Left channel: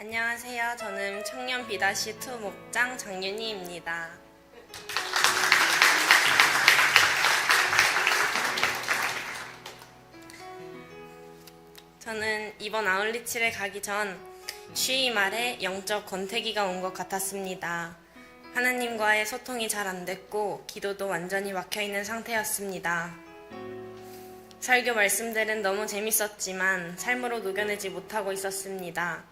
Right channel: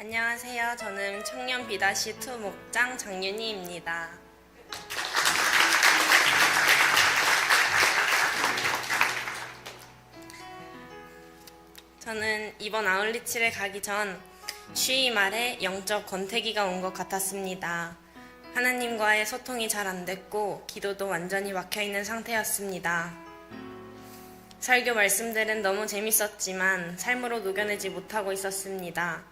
안녕하세요. 저는 청년 B-2 목장 정윤희입니다. 저는 이번 아울리치를 가기 전 쉬이 말에 영적 권태기가 온 것 같았습니다. 하나님과의 소통이 잘 안 됐고 기도도 완전히 막혀있는 상태였습니다. 설교 말씀들은 너무 재밌었지만 삶으로 녹여내지 못하고 있었습니다.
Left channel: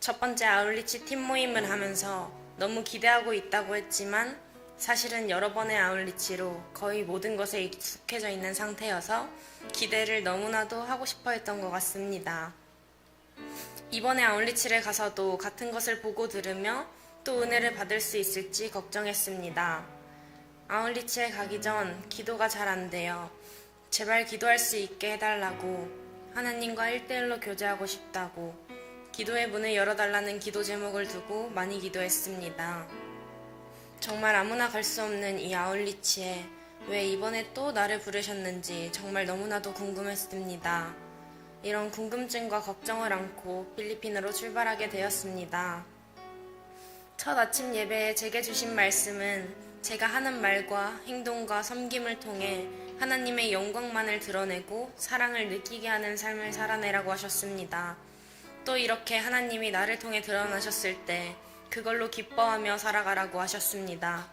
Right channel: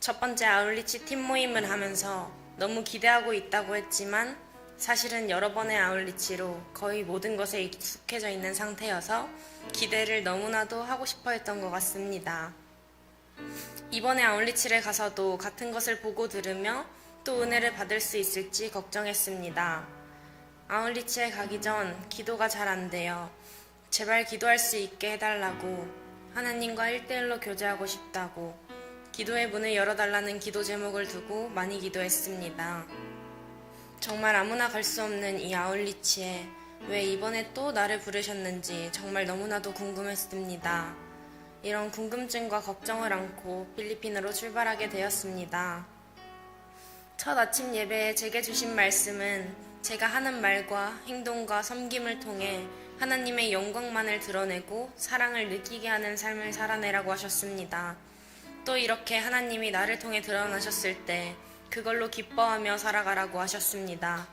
첫 번째 아울리치 팀 모임을 하면서 너무 기대하고 있다고 했지만 사실은 여러 번의 아울리치로 거의 모든 것에 익숙해져 있는 상태여서 기대를 너무나도 하고 싶어 했던 것 같습니다. 이번에 아울리치를 가서도 같은 것을 보고 들으며 또 은혜를 받을 수 있을지 걱정했습니다. 아울리치에 가기 전 기도가 잘 안 돼요. 제발 기도할 수 있게 해달라고, 하나님과 1대1로 교제하고 싶다고, 기도의 문을 열어달라는 기도 제목을 두고 많이 기도했습니다. 정말 아무나 갈 수 없는 이 아울리치에 왜 이번에 또 나를 부르셨는지 정말 너무나도 궁금했습니다. 이런 궁금증과 걱정을 안고 필리핀으로 출발하게 되었습니다. 첫 아침 예배에 제게 주신 말씀은 제가 하는 말과 행동과 섬김을 통해 하나님의 영광만을 드러내고 사랑을 느끼게 하는 삶을 살아내라고 하셨습니다. 또 이렇게 하나님이 나를 통해 드러나셨을 때 그걸로 기뻐하며 살아가라고 하셨습니다.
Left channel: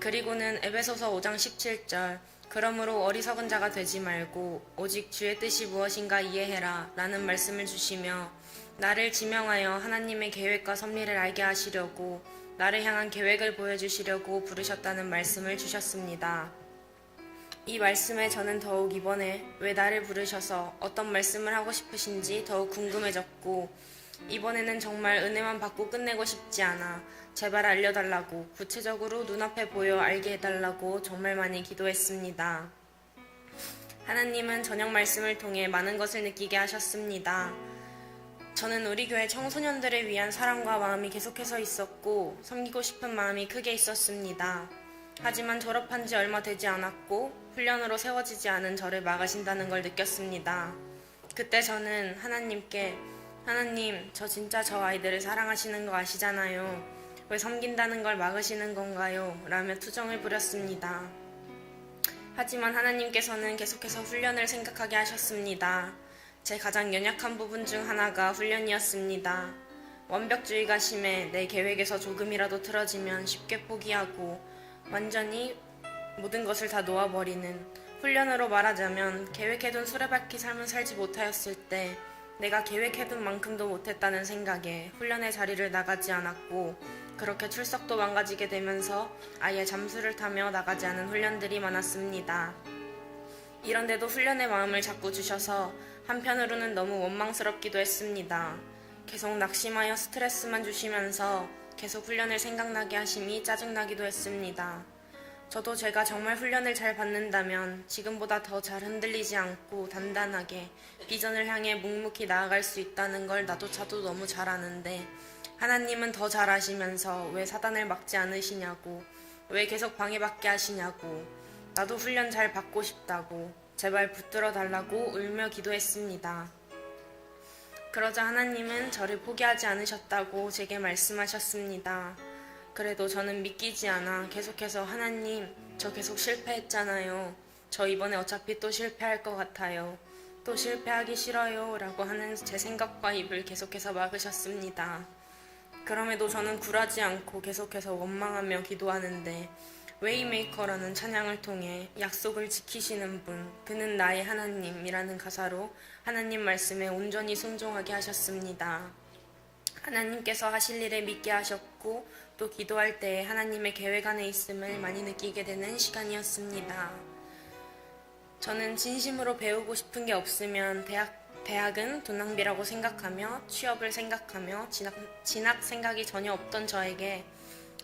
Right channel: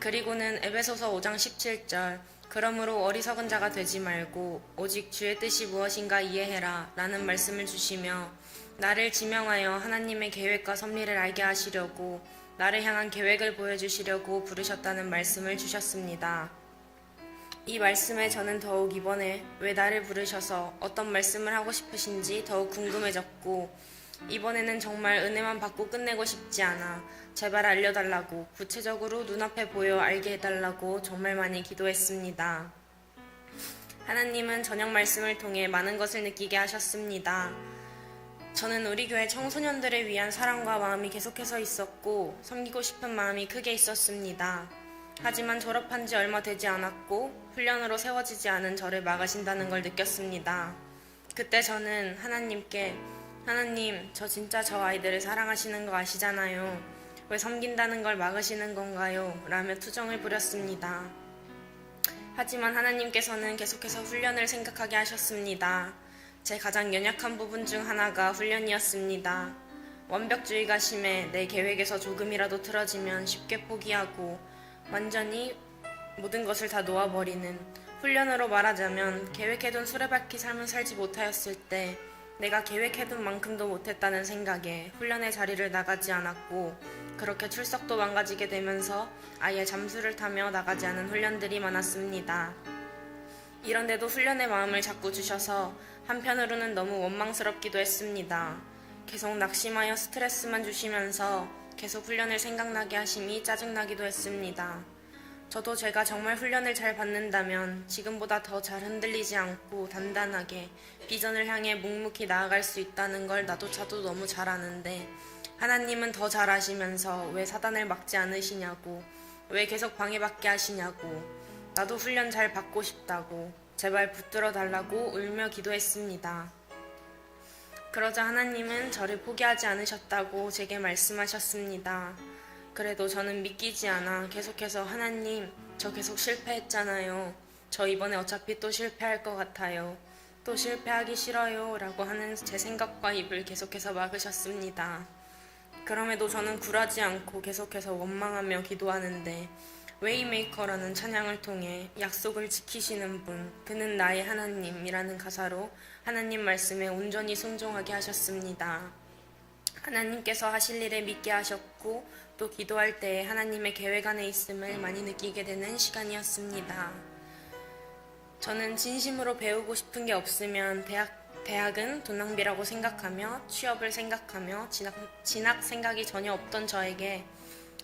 그리고는 에베소서 5장 17절 그러므로 어리석은 자가 되지 말고 오직 주의 뜻이 무엇인가 이해해라 라는 말씀을 주시며 나를 지명하여 하나님의 계획과 섭리를 알게 하시려고 나를 향한 계획을 보여주시려고 부르셨다는 말씀을 주셨습니다. 이 말씀에 저는 더욱 이번에 왜 나를 부르셔서 어떤 말씀을 하고 싶으신지 더욱 궁금해졌고 이번에는 정말 은혜만 받고 끝내고 싶지 않아 제발 알려달라고 구체적으로 눈앞에 보여 알게 해달라고 정말 많이 기도했습니다. 하나님은 저녁 말씀을 통해 많은 것을 느끼게 하셨습니다. 저는 우리 교회 청소년들을 위한 사랑과 마음이 계속해서 있었고 섬기고 싶은 마음이 크게 있었습니다. 하지만 졸업한 지 얼마 되지 않았고 훈련으로 세워지지 않은 저를 막으신다는 걸 느꼈습니다. 그때 저는 하나님께 하나님, 저 진짜 저 아이들을 사랑하시는 거 아시잖아요. 왜 섬긴다는 걸 막으시는 건가요? 라며 투정을 부렸습니다. 하지만 하나님께서는 계속해서 훈련을 생각하게 하셨습니다. 제 가장 연약한 부분 중 하나가 훈련이었습니다. 완벽주의가 심해 내 계획에서 조금이라도 틀어지면 쉽게 포기하고 완전히 모든 것을 다 놓아버리는, 훈련으로 말하자면 계획해둔 수레바퀴 삶을 살지 못하였을 때 내가 계획해둔 만큼도 못했다는 생각에 훈련의 자리를 나가지 않았고 그렇게 출석도 망가지게 되면서 아예 잠수를 타며 나가지 않은 훈련들이 많았습니다. 이런데도 훈련의 마음을 자꾸 주셔서 한편으로는 너무 원망스럽기도 했습니다. 계속 낙심하여 스트레스만 주시면서 계속 훈련을 생각나게 하심이 짜증나기도 했습니다. 저도 제가 정말 훈련을 잘 받는다면 지금보다 더 잘 흔들리지 않고 단단하게 비전을 향해 묵묵히 나아갈 수 있다는 걸 나조차도 너무 잘 아는데 하나님은 더 잘 아시면서 왜 사단을 막지 않으시냐고, 왜 계속 방해받게 하시냐고, 나도 훈련 잘 받고 싶다고 제발 붙들어 달라고 울며 기도했습니다. 그러자 하나님은 저를 포기하지 않으셨다고 제게 말씀하셨습니다. 그래도 저는 믿기지 않아 계속해서 하나님, 저 계속 실패했잖아요. 저 이번에 어차피 또 실패할 것 같아요. 또 실패하기 싫어요. 라고 하는 제 생각과 입을 계속해서 막으셨습니다. 그럼에도 저는 굴하지 않고 계속해서 원망하며 기도하는데 웨이메이커라는 찬양을 통해 약속을 지키시는 분, 그는 나의 하나님이라는 가사로 하나님 말씀에 온전히 순종하게 하셨습니다. 하나님께서 하실 일을 믿게 하셨고 또 기도할 때에 하나님의 계획 안에 있음을 많이 느끼게 되는 시간이었습니다. 저는 진심으로 배우고 싶은 게 없으면 대학은 돈 낭비라고 생각하며 취업을 생각하며 진학 생각이 전혀 없던 저에게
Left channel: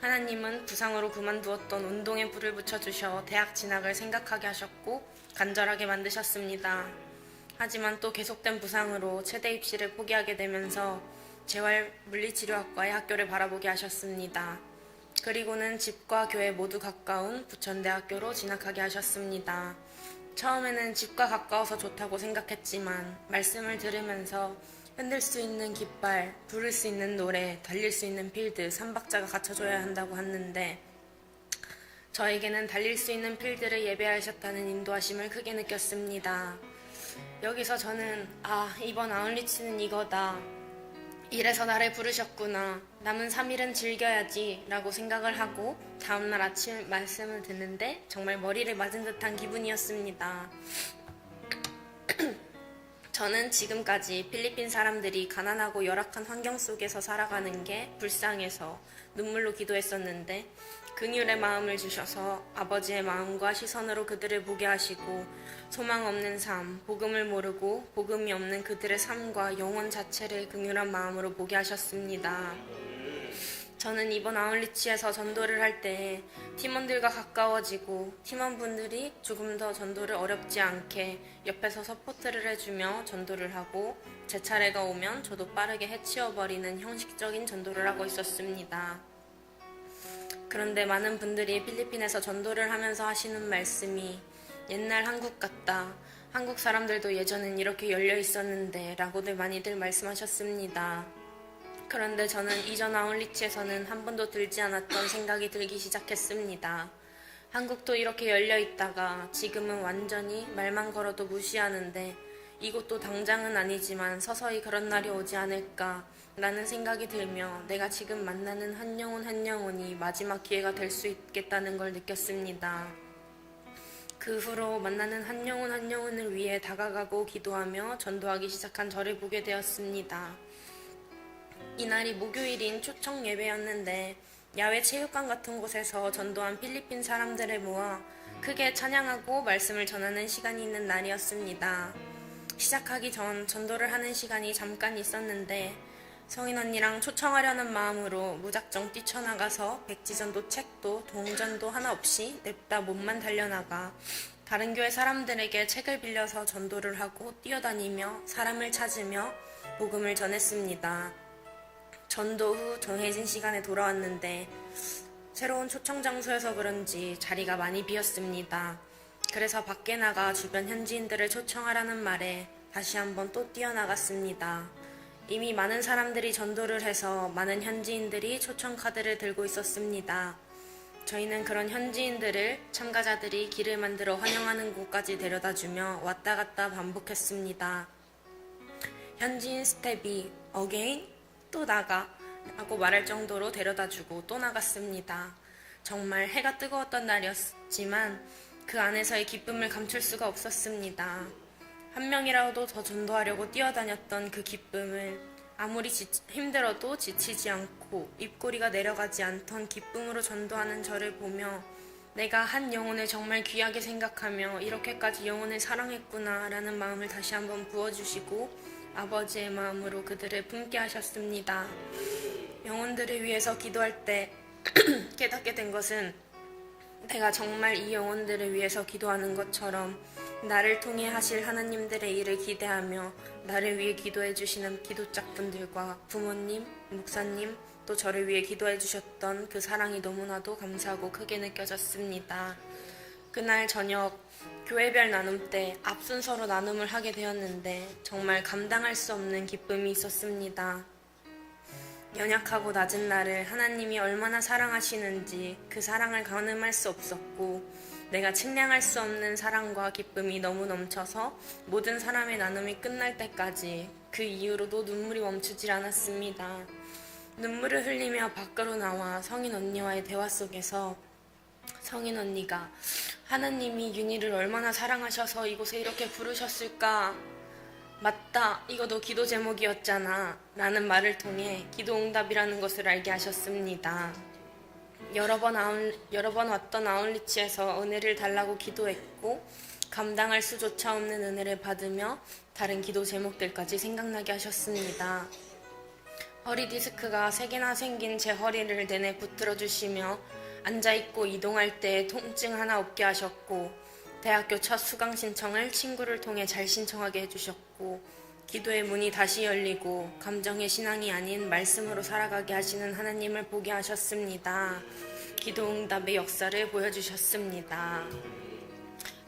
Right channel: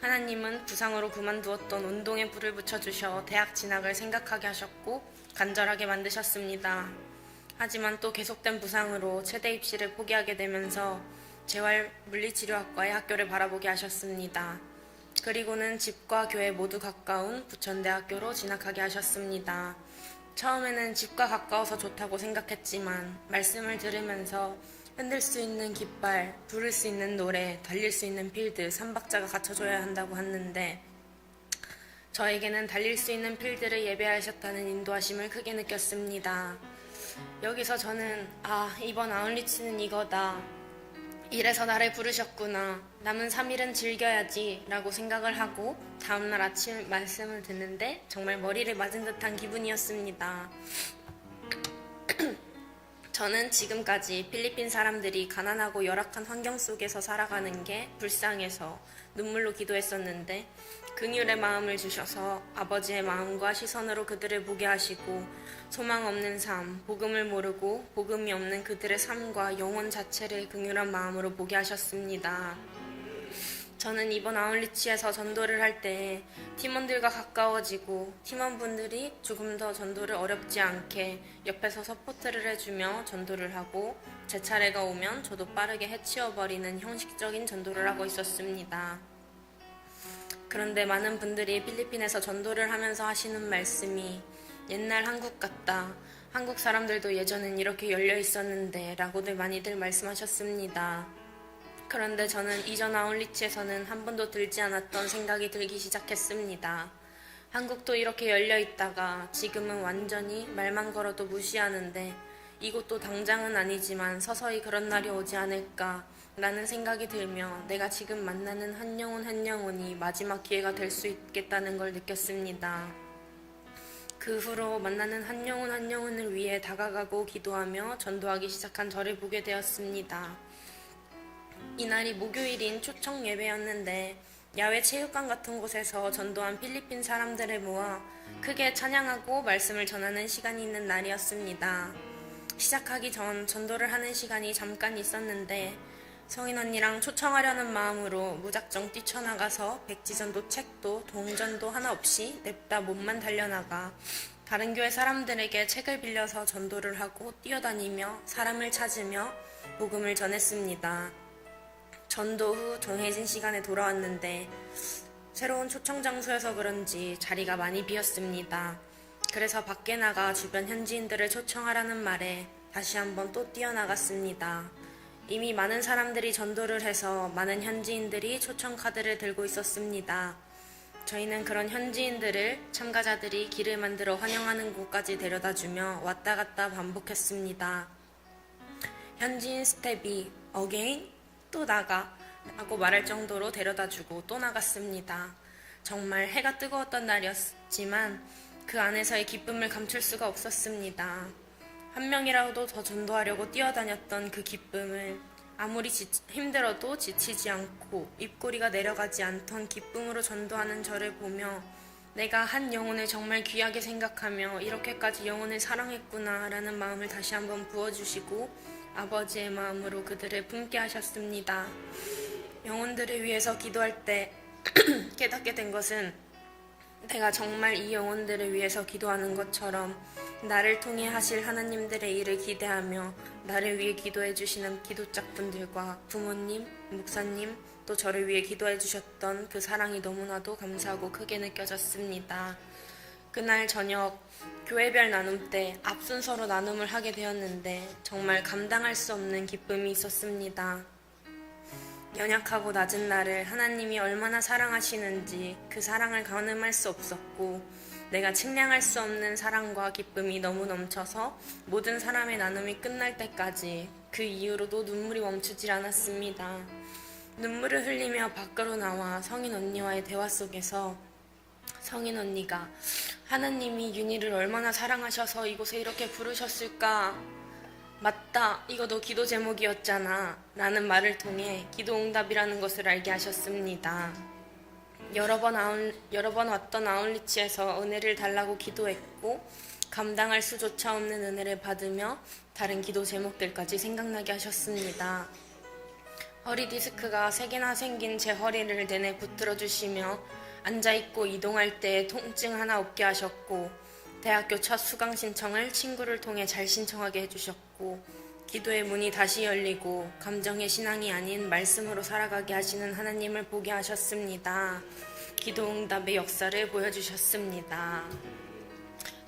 하나님은 부상으로 그만두었던 운동에 불을 붙여주셔 대학 진학을 생각하게 하셨고 간절하게 만드셨습니다. 하지만 또 계속된 부상으로 최대 입시를 포기하게 되면서 재활물리치료학과의 학교를 바라보게 하셨습니다. 그리고는 집과 교회 모두 가까운 부천대학교로 진학하게 하셨습니다. 처음에는 집과 가까워서 좋다고 생각했지만 말씀을 들으면서 흔들 수 있는 깃발, 부를 수 있는 노래, 달릴 수 있는 필드, 3박자가 갖춰줘야 한다고 하는데 저에게는 달릴 수 있는 필드를 예배하셨다는 인도하심을 크게 느꼈습니다. 여기서 저는 이번 아울리치는 이거다. 이래서 나를 부르셨구나. 남은 3일은 즐겨야지 라고 생각을 하고 다음날 아침 말씀을 듣는데 정말 머리를 맞은 듯한 기분이었습니다. 저는 지금까지 필리핀 사람들이 가난하고 열악한 환경 속에서 살아가는 게 불쌍해서 눈물로 기도했었는데 긍휼의 마음을 주셔서 아버지의 마음과 시선으로 그들을 보게 하시고 소망 없는 삶, 복음을 모르고 복음이 없는 그들의 삶과 영혼 자체를 긍휼한 마음으로 보게 하셨습니다. 저는 이번 아울리치에서 전도를 할 때 팀원들과 가까워지고 팀원분들이 조금 더 전도를 어렵지 않게 옆에서 서포트를 해주며 전도를 하고 제 차례가 오면 저도 빠르게 해치워버리는 형식적인 전도를 하고 있었습니다. 그런데 많은 분들이 필리핀에서 전도를 하면서 하시는 말씀이 옛날 한국 같다. 한국 사람들도 예전엔 이렇게 열려 있었는데 라고들 많이들 말씀하셨습니다. 그런데 저는 이전 아울리치에서는 한 번도 들지 않았던 생각이 들기 시작했습니다. 한국도 이렇게 열려 있다가 지금은 완전히 말만 걸어도 무시하는데 이곳도 당장은 아니지만 서서히 그런 날이 오지 않을까 라는 생각이 들며 내가 지금 만나는 한 영혼 한 영혼이 마지막 기회가 될 수 있겠다는 걸 느꼈습니다. 그 후로 만나는 한 영혼 한 영혼을 위해 다가가고 기도하며 전도하기 시작한 저를 보게 되었습니다. 이날이 목요일인 초청 예배였는데 야외 체육관 같은 곳에서 전도한 필리핀 사람들을 모아 크게 찬양하고 말씀을 전하는 시간이 있는 날이었습니다. 시작하기 전 전도를 하는 시간이 잠깐 있었는데 성인 언니랑 초청하려는 마음으로 무작정 뛰쳐나가서 백지전도 책도 동전도 하나 없이 냅다 몸만 달려나가 다른 교회 사람들에게 책을 빌려서 전도를 하고 뛰어다니며 사람을 찾으며 복음을 전했습니다. 전도 후 정해진 시간에 돌아왔는데 새로운 초청 장소여서 그런지 자리가 많이 비었습니다. 그래서 밖에 나가 주변 현지인들을 초청하라는 말에 다시 한번 또 뛰어나갔습니다. 이미 많은 사람들이 전도를 해서 많은 현지인들이 초청 카드를 들고 있었습니다. 저희는 그런 현지인들을 참가자들이 길을 만들어 환영하는 곳까지 데려다주며 왔다 갔다 반복했습니다. 현지인 스텝이 어게인 또 나가 라고 말할 정도로 데려다주고 또 나갔습니다. 정말 해가 뜨거웠던 날이었지만 그 안에서의 기쁨을 감출 수가 없었습니다. 한 명이라도 더 전도하려고 뛰어다녔던 그 기쁨을 아무리 힘들어도 지치지 않고 입꼬리가 내려가지 않던 기쁨으로 전도하는 저를 보며 내가 한 영혼을 정말 귀하게 생각하며 이렇게까지 영혼을 사랑했구나 라는 마음을 다시 한번 부어주시고 아버지의 마음으로 그들을 품게 하셨습니다. 영혼들을 위해서 기도할 때 깨닫게 된 것은 내가 정말 이 영혼들을 위해서 기도하는 것처럼 나를 통해 하실 하나님들의 일을 기대하며 나를 위해 기도해 주시는 기도짝분들과 부모님, 목사님, 또 저를 위해 기도해 주셨던 그 사랑이 너무나도 감사하고 크게 느껴졌습니다. 그날 저녁 교회별 나눔 때 앞순서로 나눔을 하게 되었는데 정말 감당할 수 없는 기쁨이 있었습니다. 연약하고 낮은 나를 하나님이 얼마나 사랑하시는지 그 사랑을 가늠할 수 없었고 내가 측량할 수 없는 사랑과 기쁨이 너무 넘쳐서 모든 사람의 나눔이 끝날 때까지 그 이후로도 눈물이 멈추질 않았습니다. 눈물을 흘리며 밖으로 나와 성인 언니와의 대화 속에서 성인 언니가 하나님이 윤희를 얼마나 사랑하셔서 이곳에 이렇게 부르셨을까? 맞다, 이거 너 기도 제목이었잖아 라는 말을 통해 기도응답이라는 것을 알게 하셨습니다. 여러 번 왔던 아울리치에서 은혜를 달라고 기도했고 감당할 수조차 없는 은혜를 받으며 다른 기도 제목들까지 생각나게 하셨습니다. 허리 디스크가 3개나 생긴 제 허리를 내내 붙들어 주시며 앉아있고 이동할 때 통증 하나 없게 하셨고 대학교 첫 수강 신청을 친구를 통해 잘 신청하게 해주셨고 기도의 문이 다시 열리고 감정의 신앙이 아닌 말씀으로 살아가게 하시는 하나님을 보게 하셨습니다. 기도응답의 역사를 보여주셨습니다.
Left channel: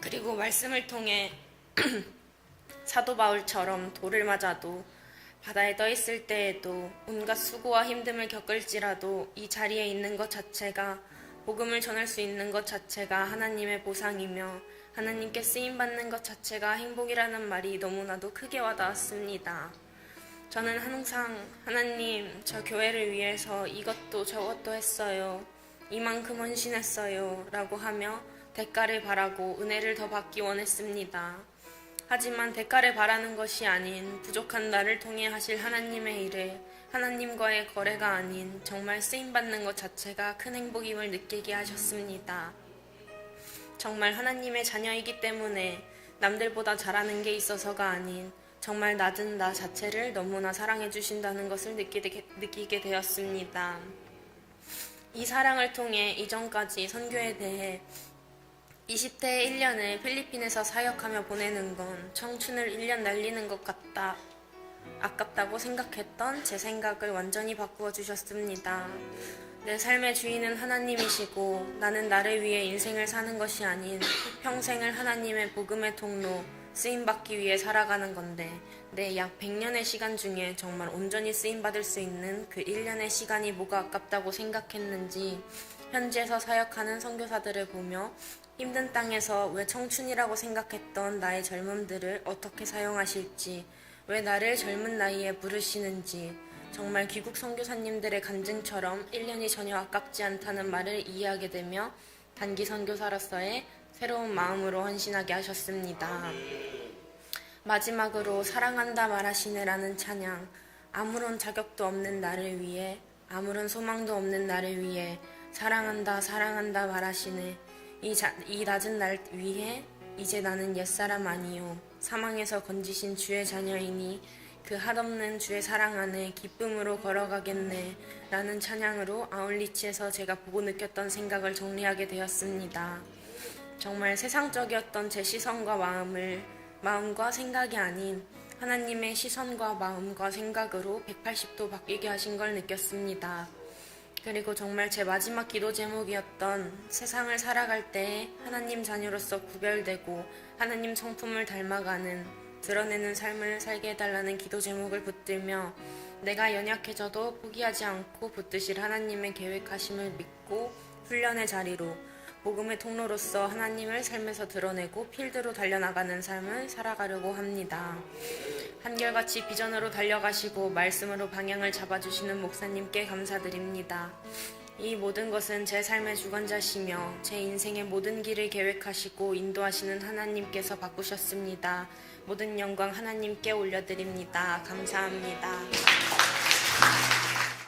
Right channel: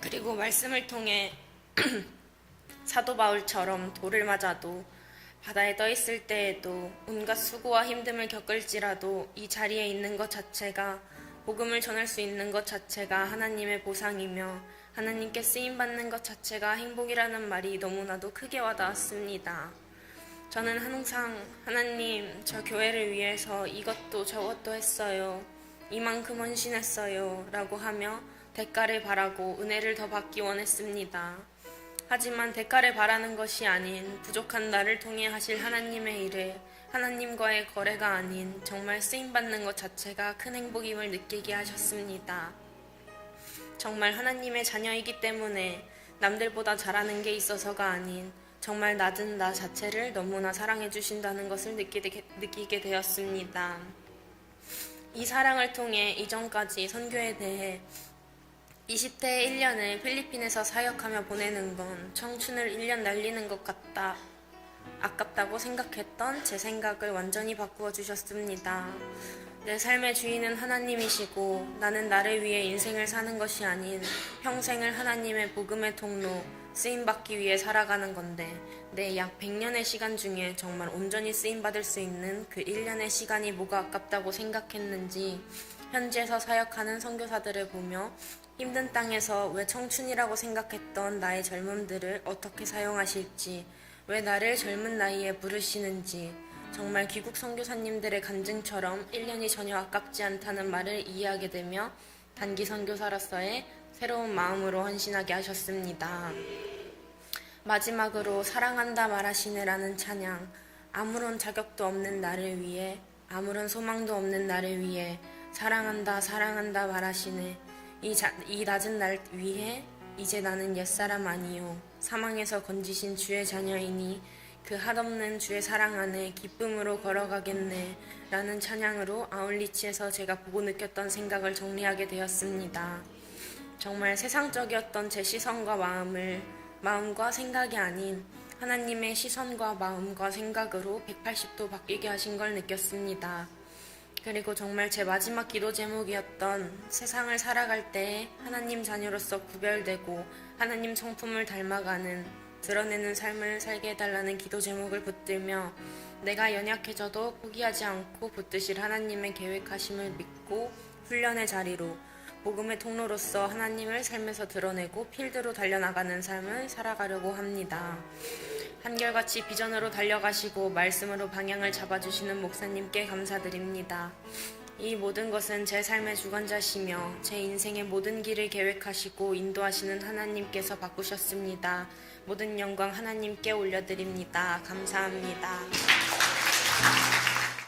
그리고 말씀을 통해 사도 바울처럼 돌을 맞아도 바다에 떠 있을 때에도 온갖 수고와 힘듦을 겪을지라도 이 자리에 있는 것 자체가, 복음을 전할 수 있는 것 자체가 하나님의 보상이며 하나님께 쓰임받는 것 자체가 행복이라는 말이 너무나도 크게 와닿았습니다. 저는 항상 하나님, 저 교회를 위해서 이것도 저것도 했어요. 이만큼 헌신했어요. 라고 하며 대가를 바라고 은혜를 더 받기 원했습니다. 하지만 대가를 바라는 것이 아닌 부족한 나를 통해 하실 하나님의 일에 하나님과의 거래가 아닌 정말 쓰임받는 것 자체가 큰 행복임을 느끼게 하셨습니다. 정말 하나님의 자녀이기 때문에 남들보다 잘하는 게 있어서가 아닌 정말 낮은 나 자체를 너무나 사랑해 주신다는 것을 느끼게 되었습니다. 이 사랑을 통해 이전까지 선교에 대해 20대의 1년을 필리핀에서 사역하며 보내는 건 청춘을 1년 날리는 것 같다, 아깝다고 생각했던 제 생각을 완전히 바꾸어 주셨습니다. 내 삶의 주인은 하나님이시고 나는 나를 위해 인생을 사는 것이 아닌 평생을 하나님의 복음의 통로, 쓰임받기 위해 살아가는 건데 내 약 100년의 시간 중에 정말 온전히 쓰임받을 수 있는 그 1년의 시간이 뭐가 아깝다고 생각했는지 현지에서 사역하는 선교사들을 보며 힘든 땅에서 왜 청춘이라고 생각했던 나의 젊음들을 어떻게 사용하실지, 왜 나를 젊은 나이에 부르시는지 정말 귀국 선교사님들의 간증처럼 1년이 전혀 아깝지 않다는 말을 이해하게 되며 단기 선교사로서의 새로운 마음으로 헌신하게 하셨습니다. 마지막으로 사랑한다 말하시네라는 찬양, 아무런 자격도 없는 나를 위해, 아무런 소망도 없는 나를 위해 사랑한다 사랑한다 말하시네. 이 낮은 날 위해 이제 나는 옛사람 아니요 사망에서 건지신 주의 자녀이니 그 한없는 주의 사랑 안에 기쁨으로 걸어가겠네 라는 찬양으로 아울리치에서 제가 보고 느꼈던 생각을 정리하게 되었습니다. 정말 세상적이었던 제 시선과 마음과 생각이 아닌 하나님의 시선과 마음과 생각으로 180도 바뀌게 하신 걸 느꼈습니다. 그리고 정말 제 마지막 기도 제목이었던 세상을 살아갈 때에 하나님 자녀로서 구별되고 하나님 성품을 닮아가는, 드러내는 삶을 살게 해달라는 기도 제목을 붙들며 내가 연약해져도 포기하지 않고 붙드실 하나님의 계획하심을 믿고 훈련의 자리로 복음의 통로로서 하나님을 삶에서 드러내고 필드로 달려나가는 삶을 살아가려고 합니다. 한결같이 비전으로 달려가시고 말씀으로 방향을 잡아주시는 목사님께 감사드립니다. 이 모든 것은 제 삶의 주관자시며 제 인생의 모든 길을 계획하시고 인도하시는 하나님께서 바꾸셨습니다. 모든 영광 하나님께 올려드립니다. 감사합니다.